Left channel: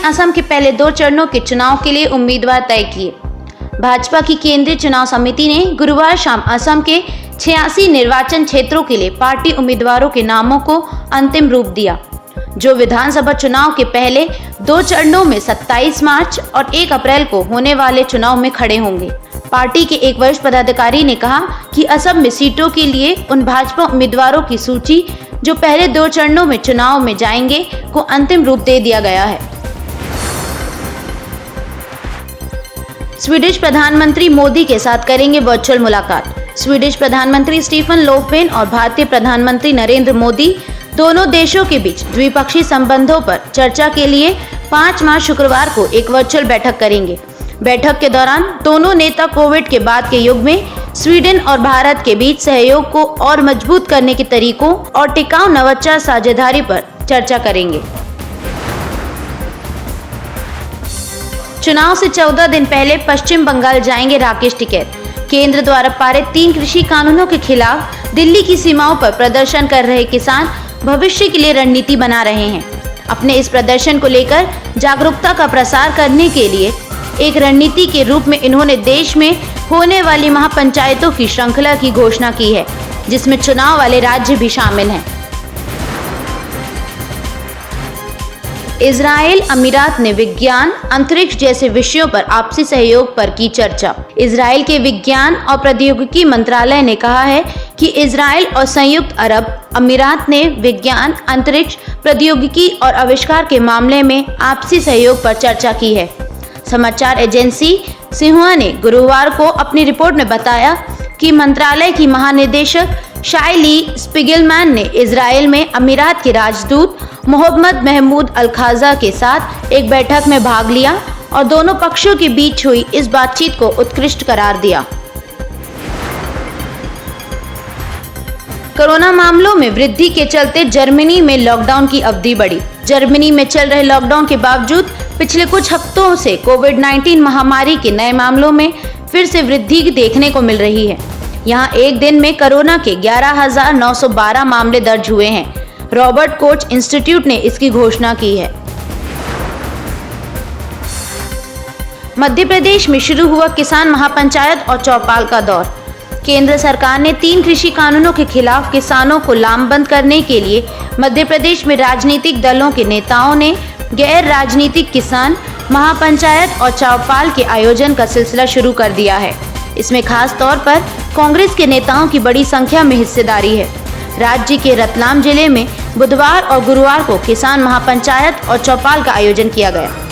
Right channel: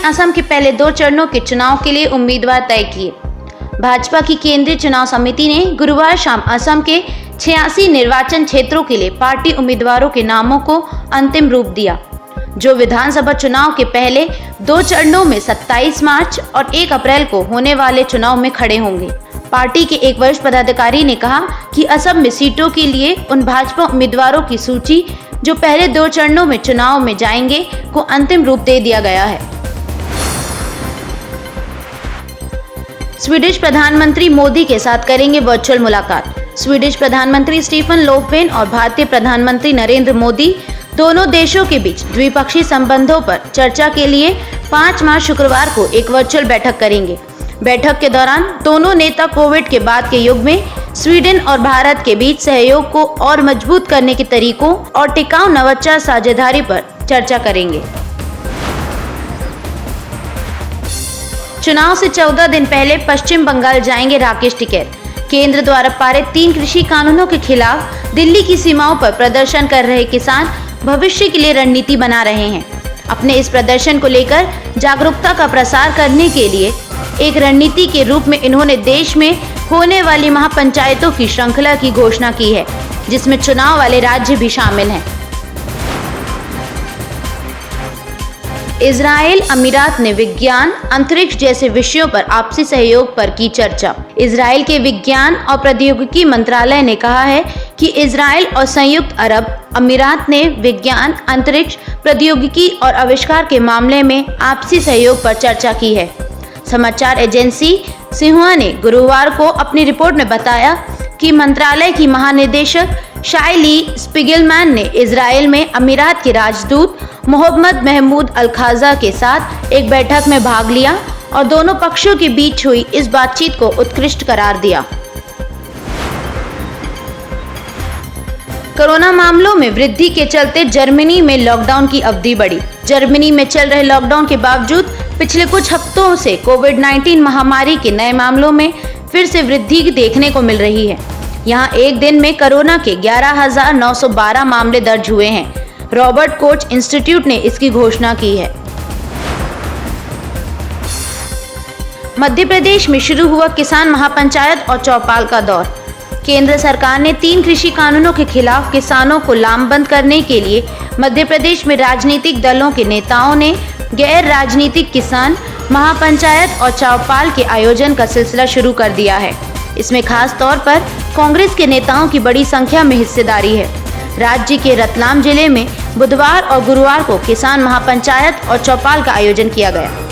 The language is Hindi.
असम के पहले 2 चरणों के चुनाव के लिए उम्मीदवार तय किए। भाजपा की केंद्रीय चुनाव समिति ने गुरुवार शाम असम के 86 निर्वाचन क्षेत्रों के लिए पार्टी उम्मीदवारों के नामों को अंतिम रूप दिया, जो विधानसभा चुनाव के पहले 2 चरणों में 27 मार्च और 1 अप्रैल को होने वाले चुनाव में खड़े होंगे। पार्टी के एक वरिष्ठ पदाधिकारी ने कहा कि असम में सीटों के लिए उन भाजपा उम्मीदवारों की सूची जो पहले 2 चरणों में चुनाव में जाएंगे को अंतिम रूप दे दिया गया है। स्वीडिश प्रधानमंत्री मोदी के साथ करेंगे वर्चुअल मुलाकात। स्वीडिश प्रधानमंत्री स्टीफन लोफवेन और भारतीय प्रधानमंत्री नरेंद्र मोदी दोनों देशों के बीच द्विपक्षीय संबंधों पर चर्चा के लिए 5 मार्च शुक्रवार को एक वर्चुअल बैठक करेंगे। बैठक के दौरान दोनों नेता कोविड के बाद के युग में स्वीडन और भारत के बीच सहयोग को और मजबूत करने के तरीकों और टिकाऊ नवाचार साझेदारी पर चर्चा करेंगे। चुनाव से 14 दिन पहले पश्चिम बंगाल जाएंगे राकेश टिकैत। केंद्र द्वारा पारित 3 कृषि कानूनों के खिलाफ दिल्ली की सीमाओं पर प्रदर्शन कर रहे किसान भविष्य के लिए रणनीति बना रहे हैं। अपने इस प्रदर्शन को लेकर जागरूकता का प्रसार करने के लिए एक रणनीति के रूप में इन्होंने देश में होने वाली महापंचायतों की श्रृंखला की घोषणा की है, जिसमें चुनाव वाले राज्य भी शामिल हैं। इजराइल अमीरात ने विज्ञान, अंतरिक्ष जैसे विषयों पर आपसी सहयोग पर की चर्चा। इजराइल के विज्ञान और प्रौद्योगिकी मंत्रालय ने कहा है कि इजराइल और संयुक्त अरब अमीरात ने विज्ञान, अंतरिक्ष, प्रौद्योगिकी और आविष्कार के मामले में आपसी सहयोग पर चर्चा की है। समाचार एजेंसी सिन्हुआ ने गुरुवार को अपनी रिपोर्ट में बताया कि मंत्रालय की महानिदेशक शाइली स्पिगलमैन ने इजराइल में अमीरात के राजदूत मोहम्मद महमूद अल खाजा के साथ एक बैठक में भाग लिया और दोनों पक्षों के बीच हुई इस बातचीत को उत्कृष्ट करार दिया। कोरोना मामलों में वृद्धि के चलते जर्मनी में लॉकडाउन की अवधि बढ़ी। जर्मनी में चल रहे लॉकडाउन के बावजूद पिछले कुछ हफ्तों से कोविड-19 महामारी के नए मामलों में फिर से वृद्धि देखने को मिल रही है। यहाँ एक दिन में कोरोना के 11,912 मामले दर्ज हुए हैं। रॉबर्ट कोच इंस्टीट्यूट ने इसकी घोषणा की है। मध्य प्रदेश में शुरू हुआ किसान महापंचायत और चौपाल का दौर। केंद्र सरकार ने 3 कृषि कानूनों के खिलाफ किसानों को लामबंद करने के लिए मध्य प्रदेश में राजनीतिक दलों के नेताओं ने गैर राजनीतिक किसान महापंचायत और चौपाल के आयोजन का सिलसिला शुरू कर दिया है। इसमें खास तौर पर कांग्रेस के नेताओं की बड़ी संख्या में हिस्सेदारी है। राज्य के रतलाम जिले में बुधवार और गुरुवार को किसान महापंचायत और चौपाल का आयोजन किया गया।